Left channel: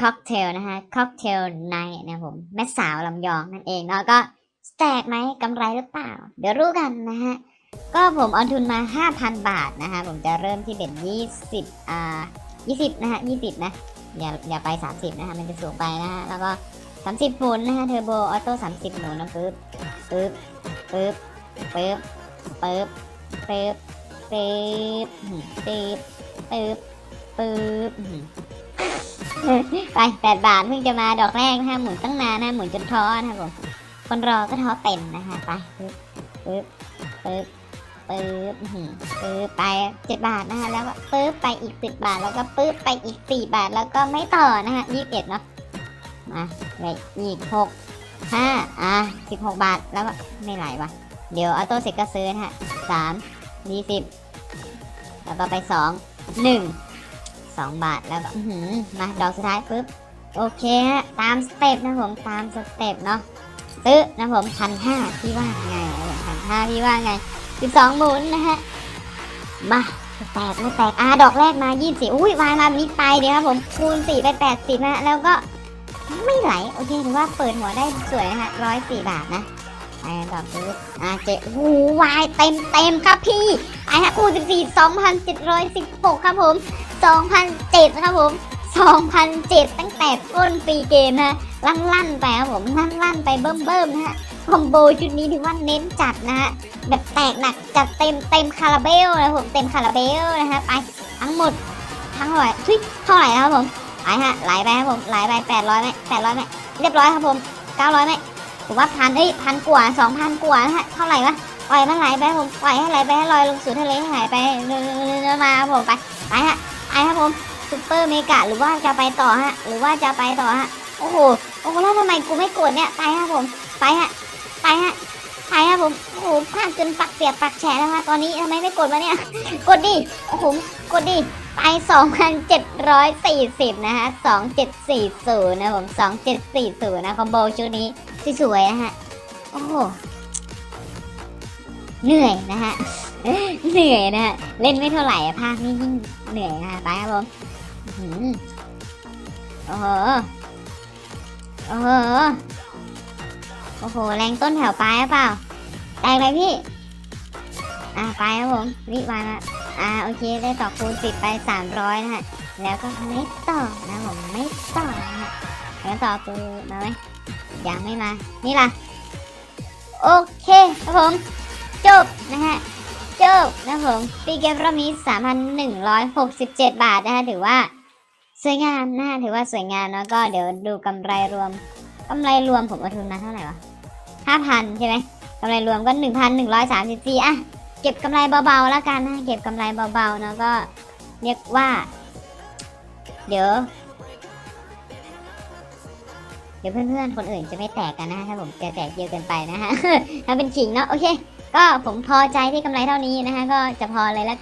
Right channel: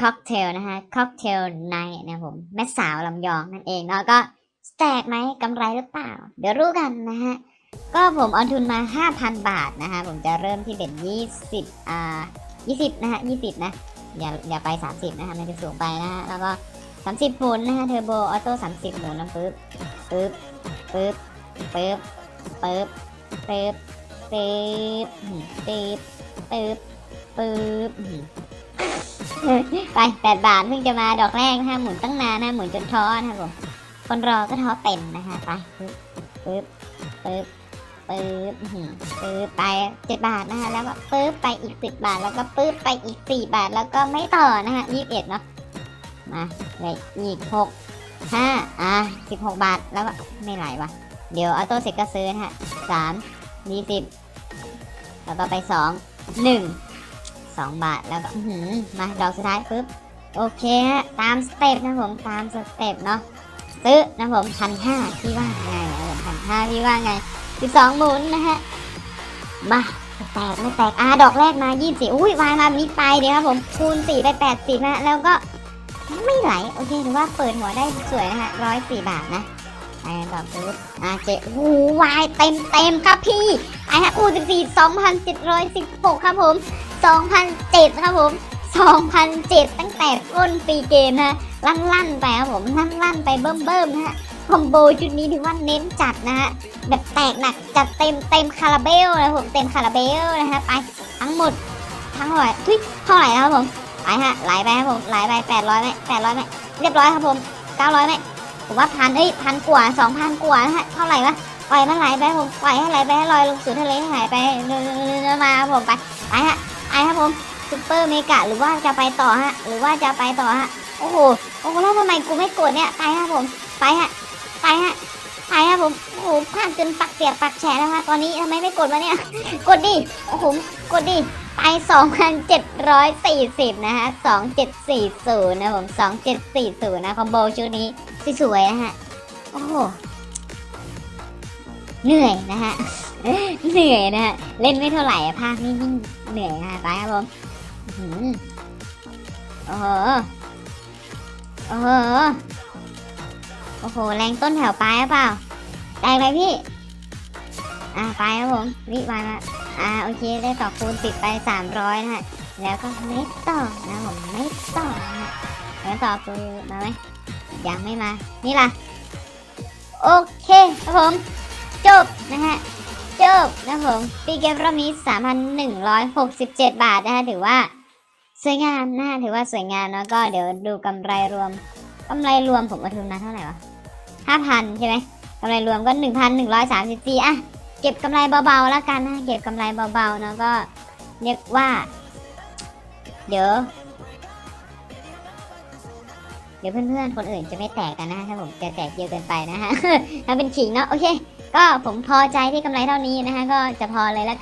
ค็อกเทลนะฮะค็อกเทลไนนะผมแม่สาวลำยองนั่นเองแล้วก็แตกไหมกำไรหรือเปล่า เดี๋ยวรู้กันนะฮะ ก็ผมเอาทุนมา 5,000 บาทนะคะผมจะเริ่มที่เป็น20อ่า20 นะฮะ 20 นะอย่าอย่าไป 30 นะคะมันจะสูงไปนะ แล้วก็ 30หมุนนะฮะ เทอร์โบออโต้30หมุนนะปึ๊บปึ๊บปึ๊บปึ๊บปึ๊บปึ๊บปึ๊บปึ๊บปึ๊บปึ๊บปึ๊บ ไปแปดบาทเพิ่งจะมาดอกแรกนะคะหมุนตั้งนานนะหมุนจนท้อนะครับผมคนรอก็ท้อเต็มนะคะไปปึ๊บปึ๊บปึ๊บปึ๊บไปเจ็ดบาทนะคะแล้วก็ปึ๊บไปอีกสิบบาทแล้วก็ปึ๊บไปอีกสี่บาทแล้วก็ไม่ต่อนะคะยี่สิบเอ็ดเนาะมาในอีกหกห้าอะสิบหกบาทแล้วไม่ไหลวะเดี๋ยวออโต้เสร็จก็ซื้อนะฮะสามนี่สิบแล้วก็ไปสองหนึ่ง สองบาทแล้วก็อื้อหือมาดอกสุดท้ายปึ๊บโอเคฮะตามสเต็ปนะผมตามสเต็ปเนาะซื้อนะผมพันห้าพี่ว่าไงนะผมพันห้าพี่ว่าไงสิบสองหมุนนะฮะมาแตกไม่แตกอ่าดอกแรกมายี่สิบอุ้ยวายมาแบบนี้ไปเดี๋ยวครับผมคูณสี่ไปแปดสิบนะฮะแล้วก็ไม่ไหลโอเคถือว่าเปิดหัวได้สวยนะฮะร้อยสี่บาทนะไปดอกปึ๊บอ่าเจ๊โอ้โหวายเต็มเต็มครับพี่ ไอ้ฮะอู้สิบสี่สองพันสิบร้อยสิบหกครับผม2007ครับผม2007ตั้งแต่ก้นปีเกมนะลั่นลั่นๆไปครับผมลั่นลั่นๆไปเบิ่มเบิ่มๆนะฮะคอมโบชุดนี้ถือว่าเน้นจัดนะฮะแบบแตกหนักจัดเต็มเต็มคาราเบลนะผมเต็มคาราเบลนะครับไปทั้งหมดทั้งหมดทุยเท่าไหร่ครับผมไหลฮะไหลไปครับผมไหลไป800ไหม800ไหมเรียบร้อยครับผม900ไหมถือว่าพันเฮ้ยพันกว่า2,000กว่านะฮะเท่าไหร่วะ ปล่อยมันไหลไปครับผมปล่อยให้ไหลไปให้ลอยลงสู่ทะเลให้หายไปเรื่อมาผมไปไปฮะไปครับผมซุปเปอร์เมกะหรือว่าจะไปต่อฮะหรือว่าจะไปต่อฮะโอ้โหโอ้โหแล้วทำไมกูไม่กดเนี่ยไปครับผมไปฮะไปฮะไปครับผมโอ้โหภาพจนปักเปียกปักแฉะแล้วฮะตอนนี้ทำไมไม่กดวะเนี่ยกดดิโอ้โหกดดิไป2,740นเจ็ดร้อยสี่สิบนะฮะ2740นย์นะผม2740นย์นะคอมโบชุดนี้สวยนะฮะโอ้โห เหนื่อยนะฮะเหนื่อยนะฮะเล่นไม่เท่าไหร่อะภาคนี้ยิ่งเหนื่อยฮะไปครับผมอื้อหือเออเออโอ้โหแรงต้นแถวปลายหรือเปล่าไปไปพี่อ่าไปครับผมรีบมานะอ่าโอเคได้ต่อคูณสิบไปสามร้อยนะฮะแล้วก็ไม่ต่อนะผมไม่ต่อนะแล้วต่อคูณมาไหมยังไม่มานี่ล่ะโอเคครับผม จบนะฮะจบนะครับผมปีเกมรอบนี้ 3,167 บาทนะคะถือว่าสวยงามนะถือว่าสวยงามแล้วก็เดี๋ยวดูกำไรรวมกำไรรวมของกระทุนนะเท่าไหร่วะ5,000ใช่ไหมกำไรรวมก็1,134อะเก็บกำไรเบาๆแล้วกันนะเก็บกำไรเบาๆแล้วก็เรียกว่า เดี๋ยว เดี๋ยวเพื่อนๆคนอื่นจะไม่แตกกันนะถ้าผมจะแตกเยอะเกินไปนะฮะมันเป็นขิงเนาะโอเค ก็ผมพอใจที่กำไรเท่านี้นะคะก็จะพอเลยแล้วกัน